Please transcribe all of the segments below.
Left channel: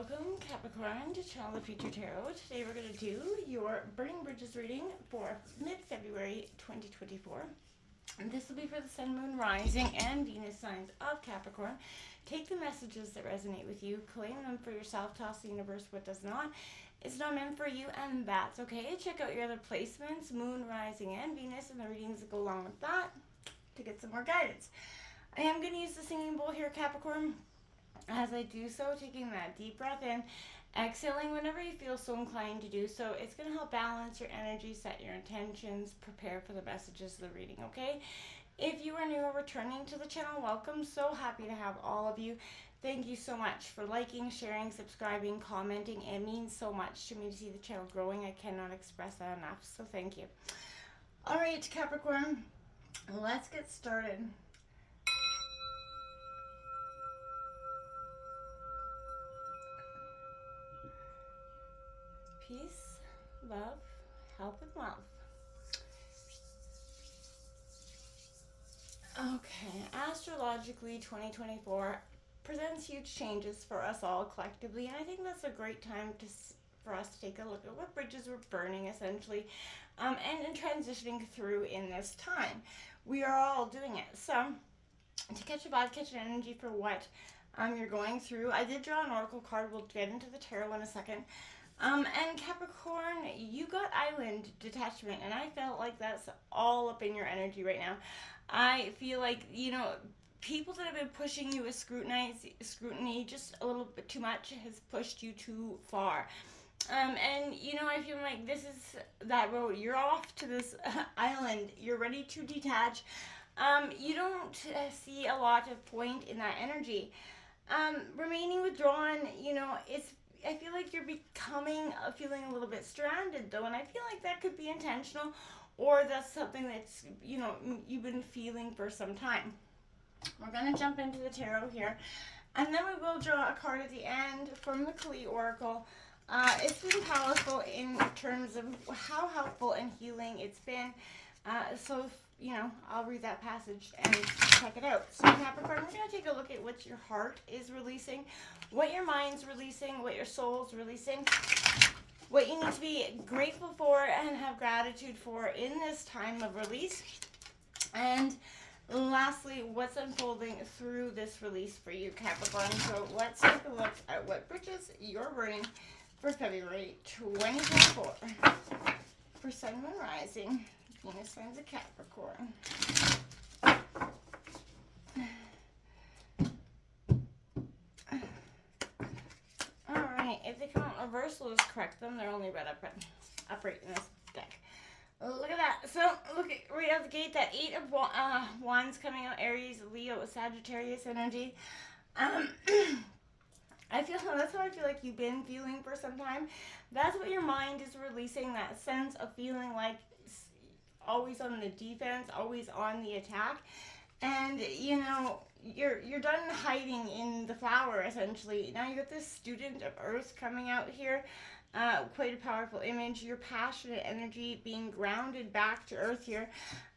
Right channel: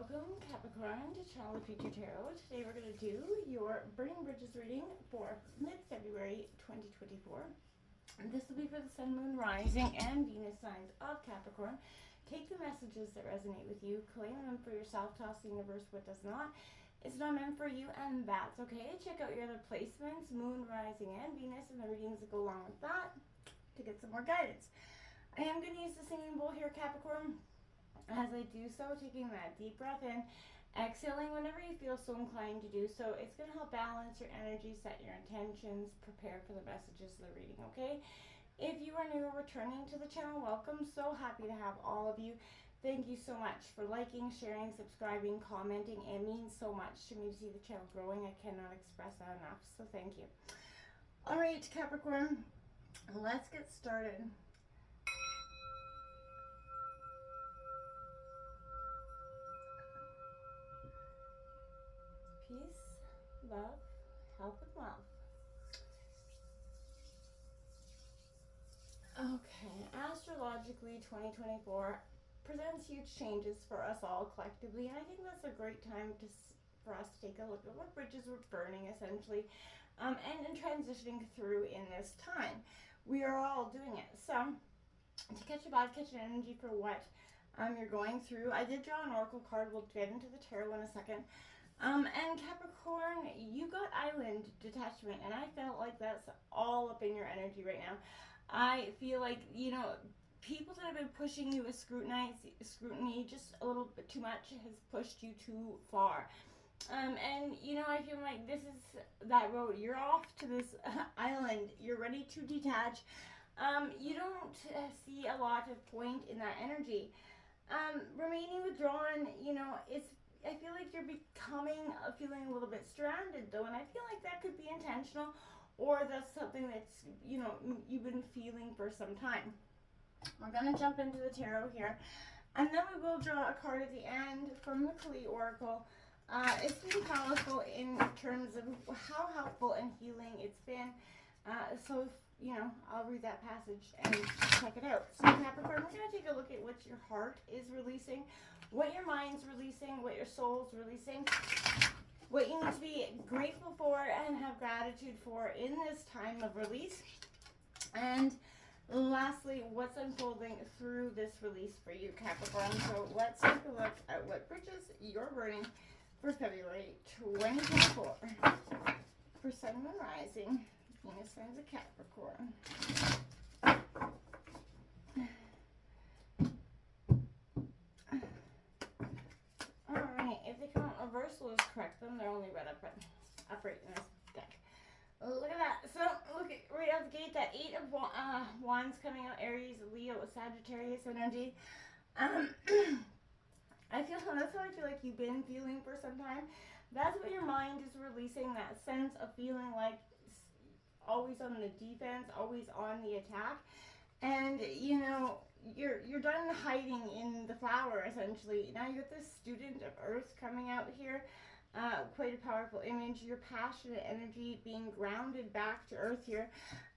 Welcome, Capricorn, to Channel the Future Tarot. Today we're going to do your Burning Bridges reading for mid-February 2024. And this will be for the Sun, Moon, Rising, and Venus signs of Capricorn. Take the messages that resonate with you, claim them for yourself, toss the universe what does not. It's not meant for you, and that's okay. Check out your other placements, Moon, Rising, and Venus, and the readings that go along with that to get some more guidance. I am going to use the singing bowl here, Capricorn. As I do so, taking that deep breath in, exhaling whenever you feel so inclined to do so. It's going to help balance your energy, set your intentions, prepare for the messages of the reading, okay? If you are new or returning to the channel, welcome. So happy to have all of you. Thank you so much for liking, sharing, subscribing, commenting. It means so much to me to see the channel growing. I cannot express that enough, so thank you. All right, Capricorn, let's get started. Peace, love, health, and wealth. Okay, astrologically, 2024 presents huge changes for us all collectively, and I think that's a great time for us to take a look at what bridges we're burning, essentially, and transitioning through in this time. We are all doing it. So, to catch a vibe, catch an energy for what you're going through, I did draw an oracle card. We'll get into the tarot in a second. And Capricorn, you got island detachment, and I felt like that's all up in your energy right now. I feel like, people that have been pushing you with scrutiny just a little bit too much has pushed you too far. And, I feel like this is that road. You're off to this island. You're ready to detach. You don't see a lot of point in that energy. Remaining withdrawn, I feel like you're feeling a little bit stranded though, and I feel like that could be intentional, or that's something that's, you've been feeling for some time. We're going to jump into the tarot here, and then we will draw a card at the end from the Kali Oracle. It's been powerful in terms of how helpful and healing it's been. So, I'll read that passage and check it out. So, Capricorn, we're going to take a look at what your heart is releasing, what your mind's releasing, what your soul's releasing, what you need to be grateful for and have gratitude for in this time of release, and lastly, what's unfolding through this release for you, Capricorn. So let's take a look at what bridges you're burning for February 2024 for Sun, Moon, Rising, Venus signs of Capricorn. If they come out reverse, we'll just correct them. They're only read upright in this deck. Look at that. So, look at right out the gate, that 8 of Wands coming out, Aries, Leo, Sagittarius energy. That's how I feel like you've been feeling for some time. That's what your mind is releasing, that sense of feeling like always on the defense, always on the attack. And, you're done hiding in the flower, essentially. Now you got this student of Earth coming out here. Quite a powerful image. Your passionate energy being grounded back to Earth here.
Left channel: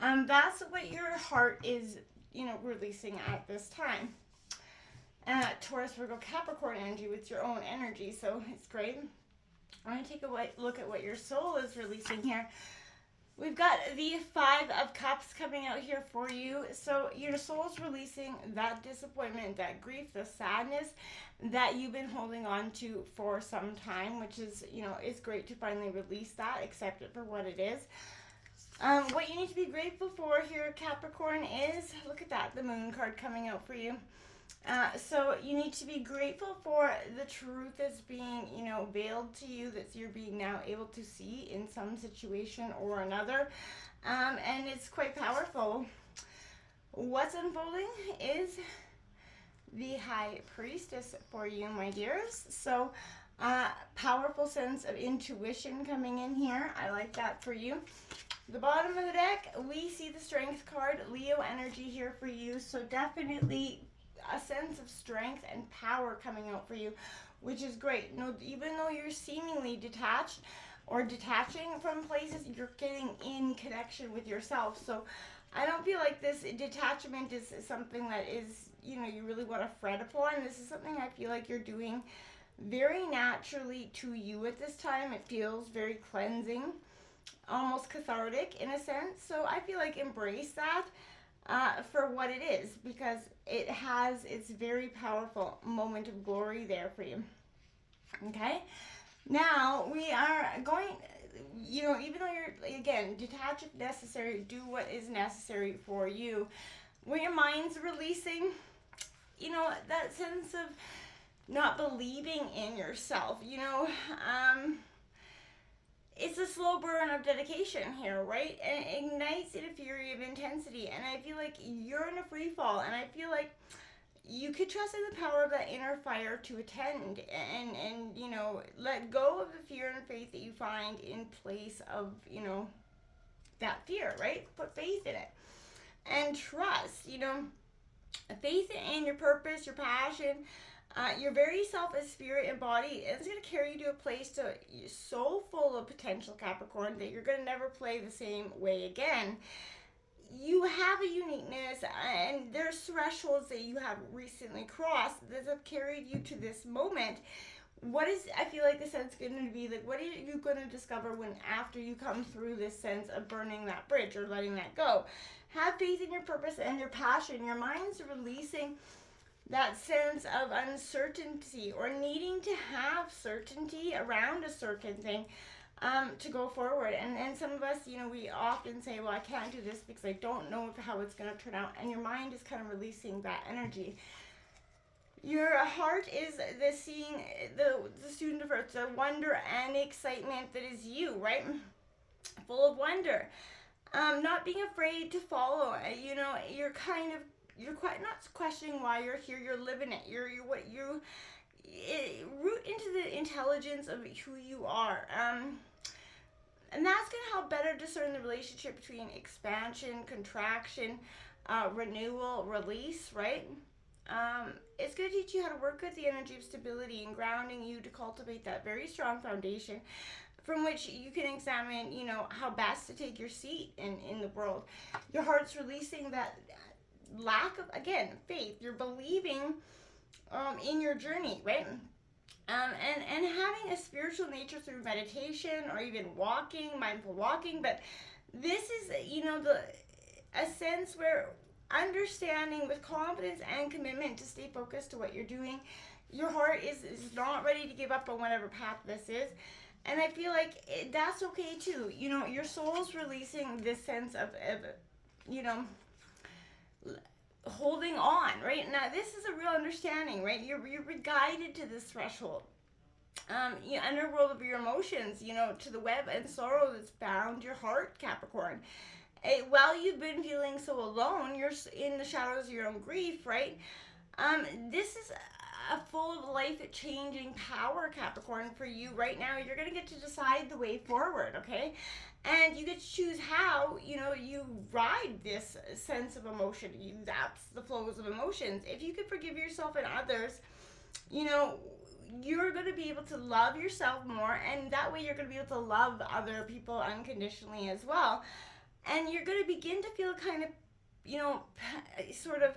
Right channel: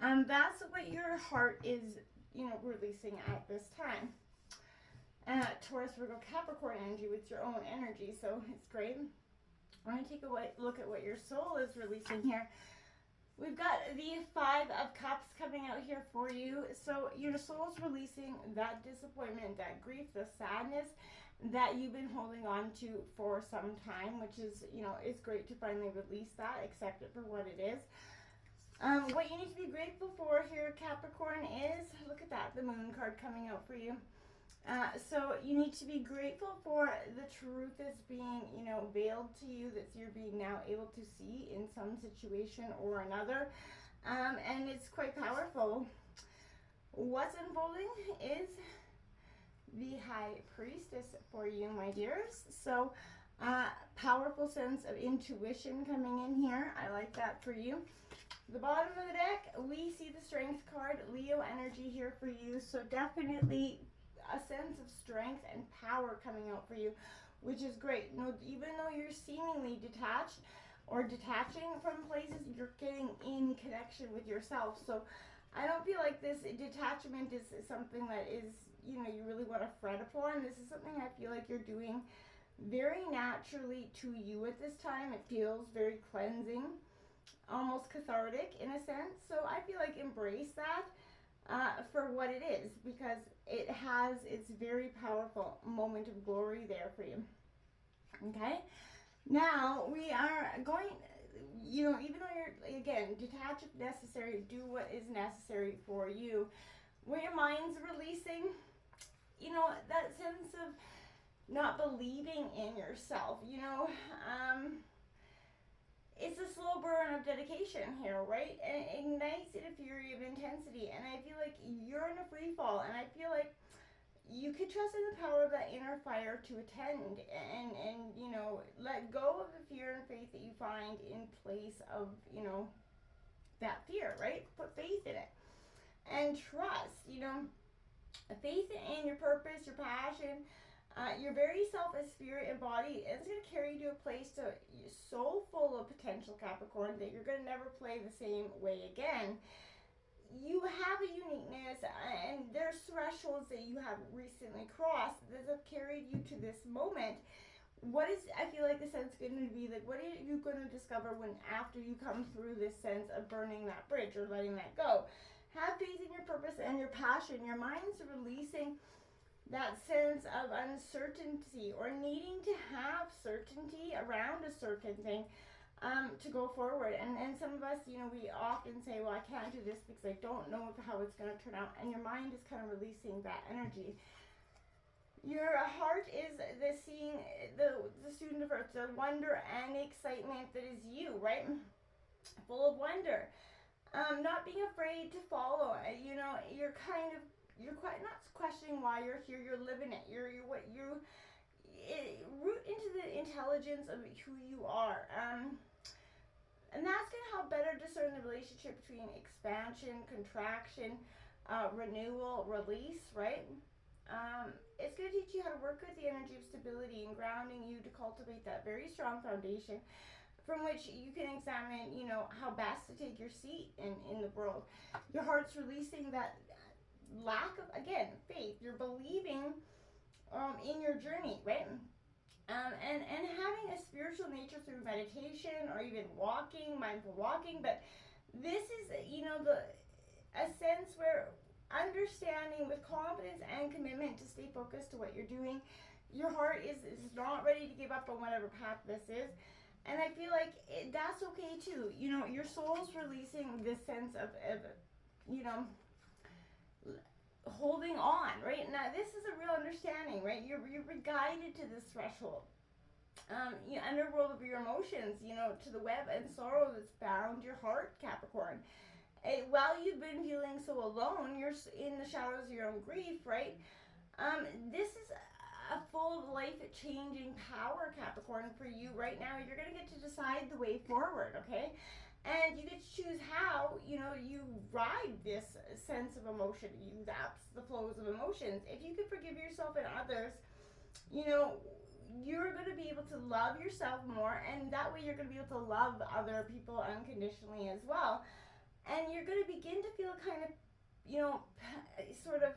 That's what your heart is, releasing at this time. Taurus, Virgo, Capricorn energy with your own energy, so it's great. I'm going to take a look at what your soul is releasing here. We've got the 5 of Cups coming out here for you. So your soul's releasing that disappointment, that grief, the sadness that you've been holding on to for some time, which is, it's great to finally release that, accept it for what it is. What you need to be grateful for here, Capricorn, is, look at that, the Moon card coming out for you. So you need to be grateful for the truth that's being, veiled to you, that you're being now able to see in some situation or another. And it's quite powerful. What's unfolding is the High Priestess for you, my dears. So powerful sense of intuition coming in here. I like that for you. The bottom of the deck, we see the Strength card, Leo energy here for you. So definitely a sense of strength and power coming out for you, which is great. Even though you're seemingly detached or detaching from places, you're getting in connection with yourself. So I don't feel like this detachment is something that is, you really want to fret upon. This is something I feel like you're doing very naturally to you at this time. It feels very cleansing, almost cathartic in a sense. So I feel like embrace that for what it is, because it has its very powerful moment of glory there for you. Okay? Now we are going, even though you're, again, detach if necessary, do what is necessary for you. When your mind's releasing, that sense of not believing in yourself, it's a slow burn of dedication here, right? And it ignites in a fury of intensity. And I feel like you're in a free fall. And I feel like you could trust in the power of that inner fire to attend and let go of the fear and faith that you find in place of, that fear, right? Put faith in it. And trust, faith in your purpose, your passion, your very self as spirit and body. It's going to carry you to a place so full of potential, Capricorn, that you're going to never play the same way again. You have a uniqueness, and there's thresholds that you have recently crossed that have carried you to this moment. What is, I feel like, the sense going to be like, what are you going to discover when after you come through this sense of burning that bridge or letting that go? Have faith in your purpose and your passion. Your mind's releasing that sense of uncertainty or needing to have certainty around a certain thing to go forward. And some of us, we often say, well, I can't do this because I don't know how it's going to turn out. And your mind is kind of releasing that energy. Your heart is the student of earth, the wonder and excitement that is you, right? Full of wonder. Not being afraid to follow. You're quite not questioning why you're here. You're living it. You're root into the intelligence of who you are. And that's going to help better discern the relationship between expansion, contraction, renewal, release, right? It's going to teach you how to work with the energy of stability and grounding you to cultivate that very strong foundation from which you can examine, how best to take your seat in the world. Your heart's releasing that lack of, again, faith. You're believing in your journey, right? And having a spiritual nature through meditation or even walking, mindful walking. But this is, a sense where understanding with confidence and commitment to stay focused to what you're doing. Your heart is not ready to give up on whatever path this is. And I feel like that's okay too. Your soul's releasing this sense of holding on, right? Now, this is a real understanding, right? You're guided to this threshold. Underworld of your emotions, to the web and sorrow that's bound your heart, Capricorn. While you've been feeling so alone, you're in the shadows of your own grief, right? This is a full of life-changing power, Capricorn, for you right now. You're going to get to decide the way forward, okay? And you get to choose how, you ride this sense of emotion. You zaps the flows of emotions. If you can forgive yourself and others, you're going to be able to love yourself more, and that way you're going to be able to love other people unconditionally as well. And you're going to begin to feel kind of, sort of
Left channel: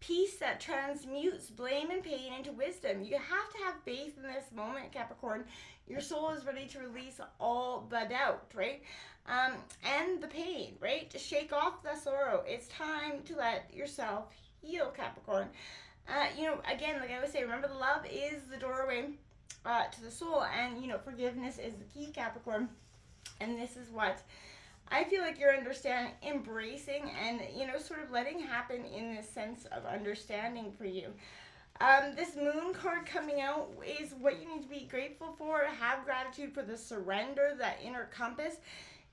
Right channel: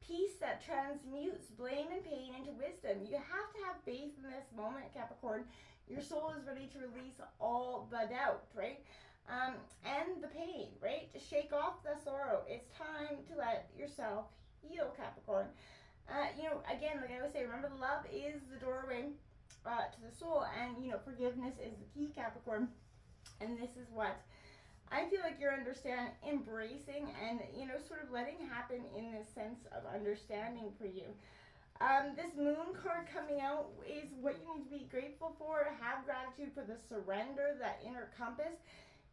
peace that transmutes blame and pain into wisdom. You have to have faith in this moment, Capricorn. Your soul is ready to release all the doubt, right? And the pain, right? To shake off the sorrow. It's time to let yourself heal, Capricorn. Again, like I always say, remember, the love is the doorway to the soul, and, forgiveness is the key, Capricorn. And this is what I feel like you're understanding, embracing, and, sort of letting happen in this sense of understanding for you. This moon card coming out is what you need to be grateful for. Have gratitude for the surrender, that inner compass.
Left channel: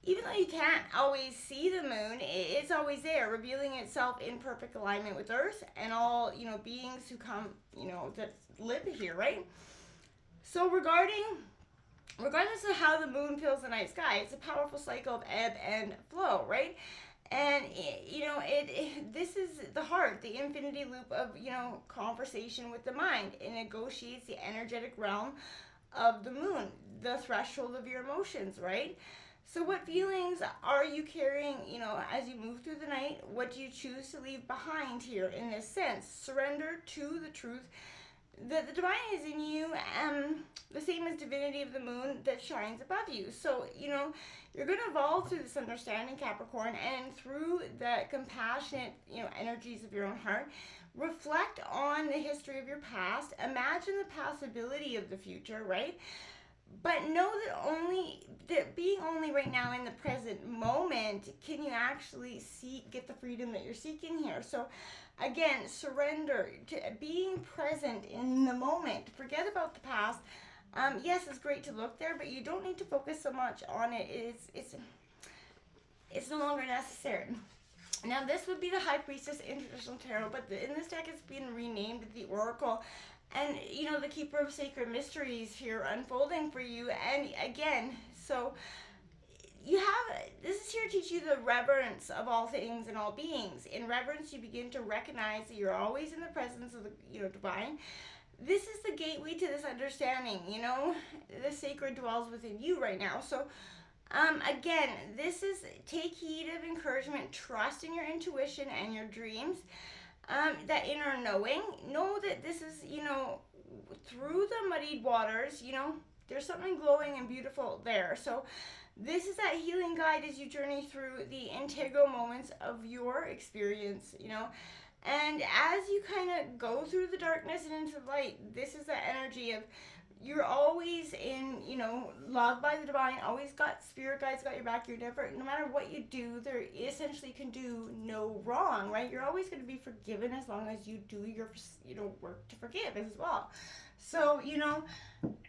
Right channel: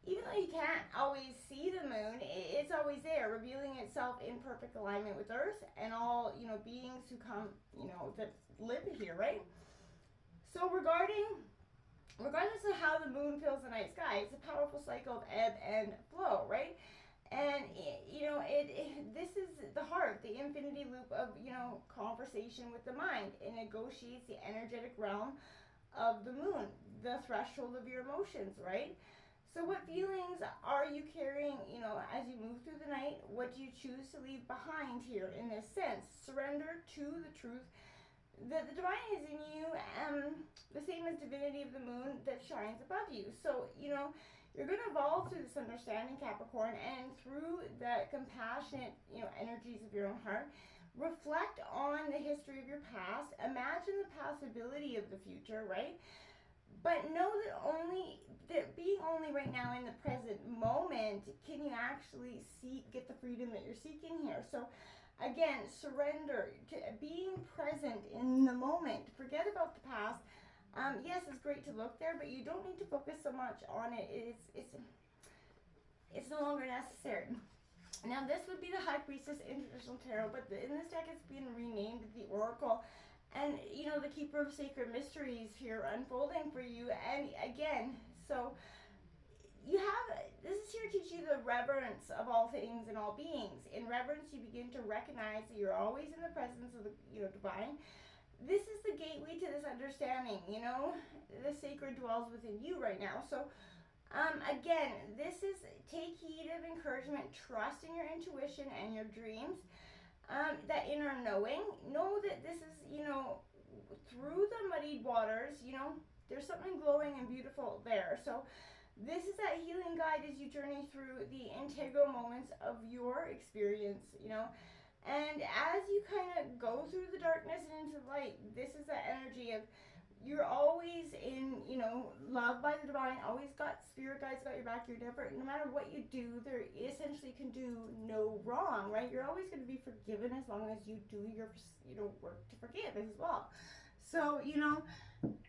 Even though you can't always see the moon, it's always there, revealing itself in perfect alignment with Earth and all, beings who come, that live here, right? So regardless of how the moon fills the night sky, it's a powerful cycle of ebb and flow, right? And, this is the heart, the infinity loop of, conversation with the mind. It negotiates the energetic realm of the moon, the threshold of your emotions, right? So what feelings are you carrying, as you move through the night? What do you choose to leave behind here in this sense? Surrender to the truth the divine is in you, the same as divinity of the moon that shines above you. So, you're going to evolve through this understanding, Capricorn, and through the compassionate, energies of your own heart. Reflect on the history of your past. Imagine the possibility of the future, right? But know that being only right now in the present moment can you actually get the freedom that you're seeking here. So again, surrender to being present in the moment. Forget about the past. Yes, it's great to look there, but you don't need to focus so much on it. It's no longer necessary. Now, this would be the High Priestess in traditional tarot, but in this deck it's been renamed the Oracle. And, the Keeper of Sacred Mysteries here unfolding for you. And again, so this is here to teach you the reverence of all things and all beings. In reverence, you begin to recognize that you're always in the presence of the, divine. This is the gateway to this understanding, the sacred dwells within you right now. So, again, this is take heed of encouragement, trust in your intuition and your dreams. That inner knowing, know that this is, through the muddied waters, there's something glowing and beautiful there. So this is that healing guide as you journey through the integral moments of your experience, and as you kind of go through the darkness and into the light, this is the energy of you're always in, loved by the divine, always got spirit guides, got your back. You're never, no matter what you do, there essentially can do no wrong, right? You're always going to be forgiven as long as you do your, work to forgive as well. So,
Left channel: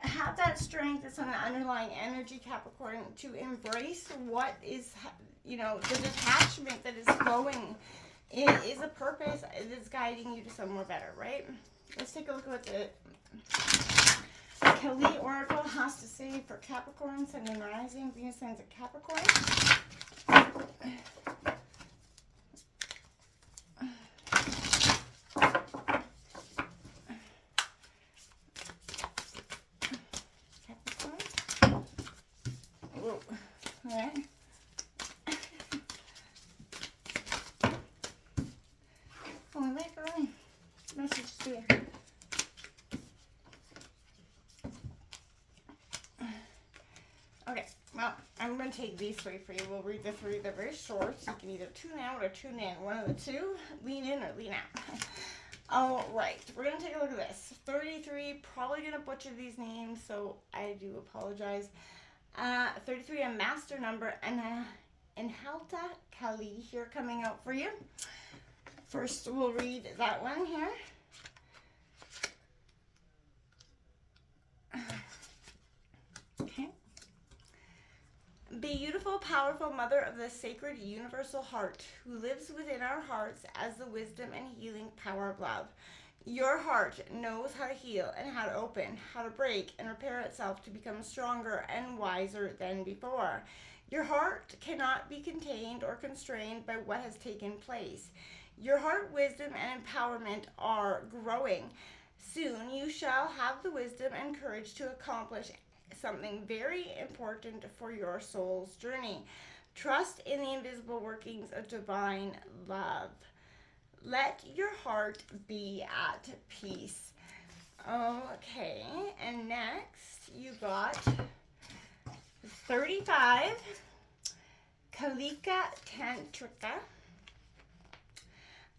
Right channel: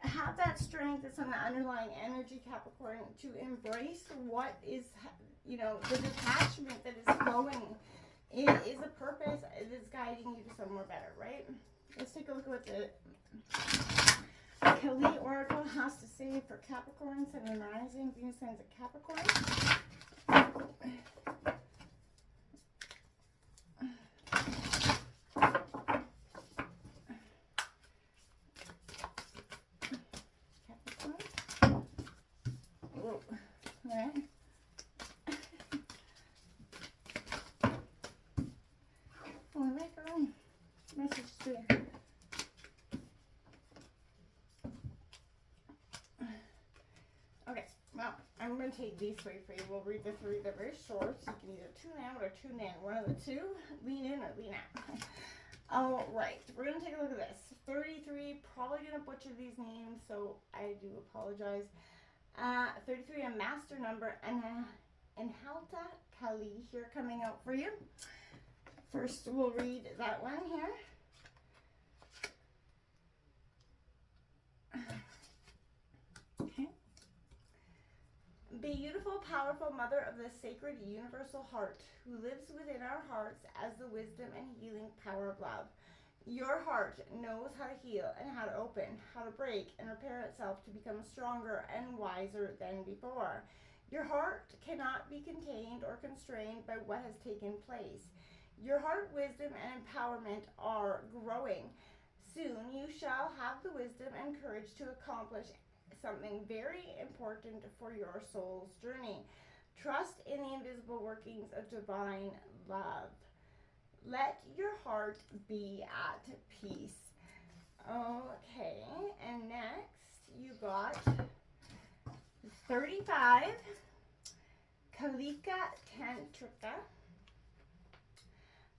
have that strength that's on the underlying energy, Capricorn, to embrace what is, the detachment that is flowing. It is a purpose that is guiding you to somewhere better, right? Let's take a look at what the Kali Oracle has to say for Capricorn, Sun and Rising, Venus signs at Capricorn. Capricorn. Whoa. All right. Oh, we might go in. Message to her. Okay, well, I'm going to take these three for you. We'll read the three. They're very short. You can either tune out or tune in. One of the two. Lean in or lean out. All right, we're going to take a look at this. 33, probably going to butcher these names, so I do apologize. 33, a master number, and Halta Kali here coming out for you. First, we'll read that one here. Okay. Beautiful, powerful mother of the sacred universal heart who lives within our hearts as the wisdom and healing power of love. Your heart knows how to heal and how to open, how to break and repair itself to become stronger and wiser than before. Your heart cannot be contained or constrained by what has taken place. Your heart wisdom and empowerment are growing. Soon you shall have the wisdom and courage to accomplish something very important for your soul's journey. Trust in the invisible workings of divine love. Let your heart be at peace. Okay, and next you got 35, Kalika Tantrika.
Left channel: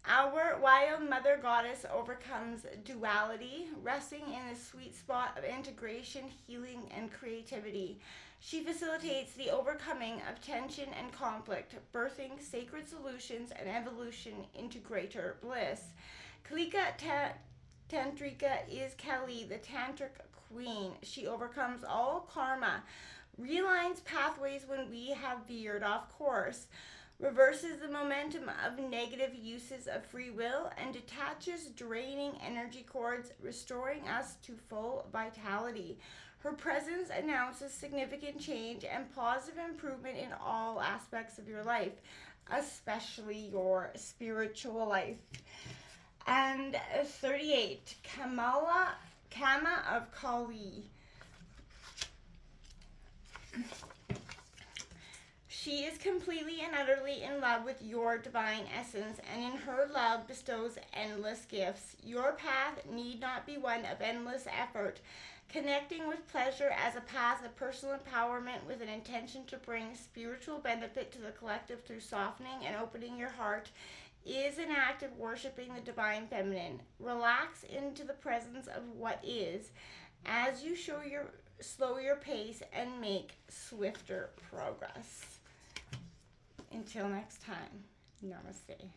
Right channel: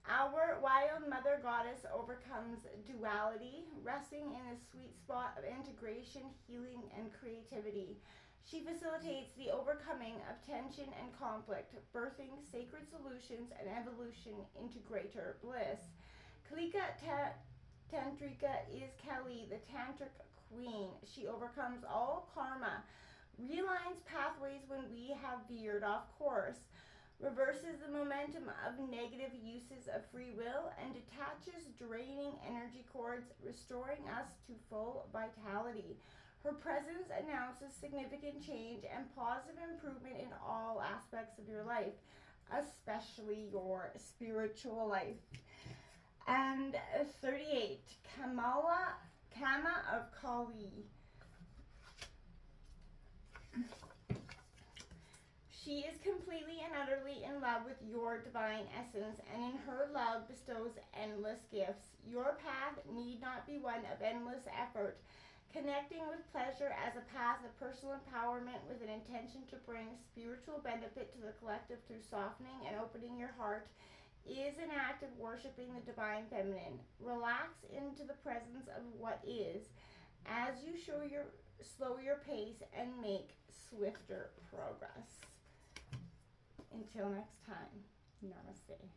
Our wild mother goddess overcomes duality, resting in the sweet spot of integration, healing, and creativity. She facilitates the overcoming of tension and conflict, birthing sacred solutions and evolution into greater bliss. Kalika Tantrika is Kali, the tantric queen. She overcomes all karma, realigns pathways when we have veered off course, reverses the momentum of negative uses of free will, and detaches draining energy cords, restoring us to full vitality. Her presence announces significant change and positive improvement in all aspects of your life, especially your spiritual life. And 38, Kama of Kali. She is completely and utterly in love with your divine essence, and in her love bestows endless gifts. Your path need not be one of endless effort. Connecting with pleasure as a path of personal empowerment with an intention to bring spiritual benefit to the collective through softening and opening your heart is an act of worshiping the divine feminine. Relax into the presence of what is as you slow your pace and make swifter progress. Until next time, namaste.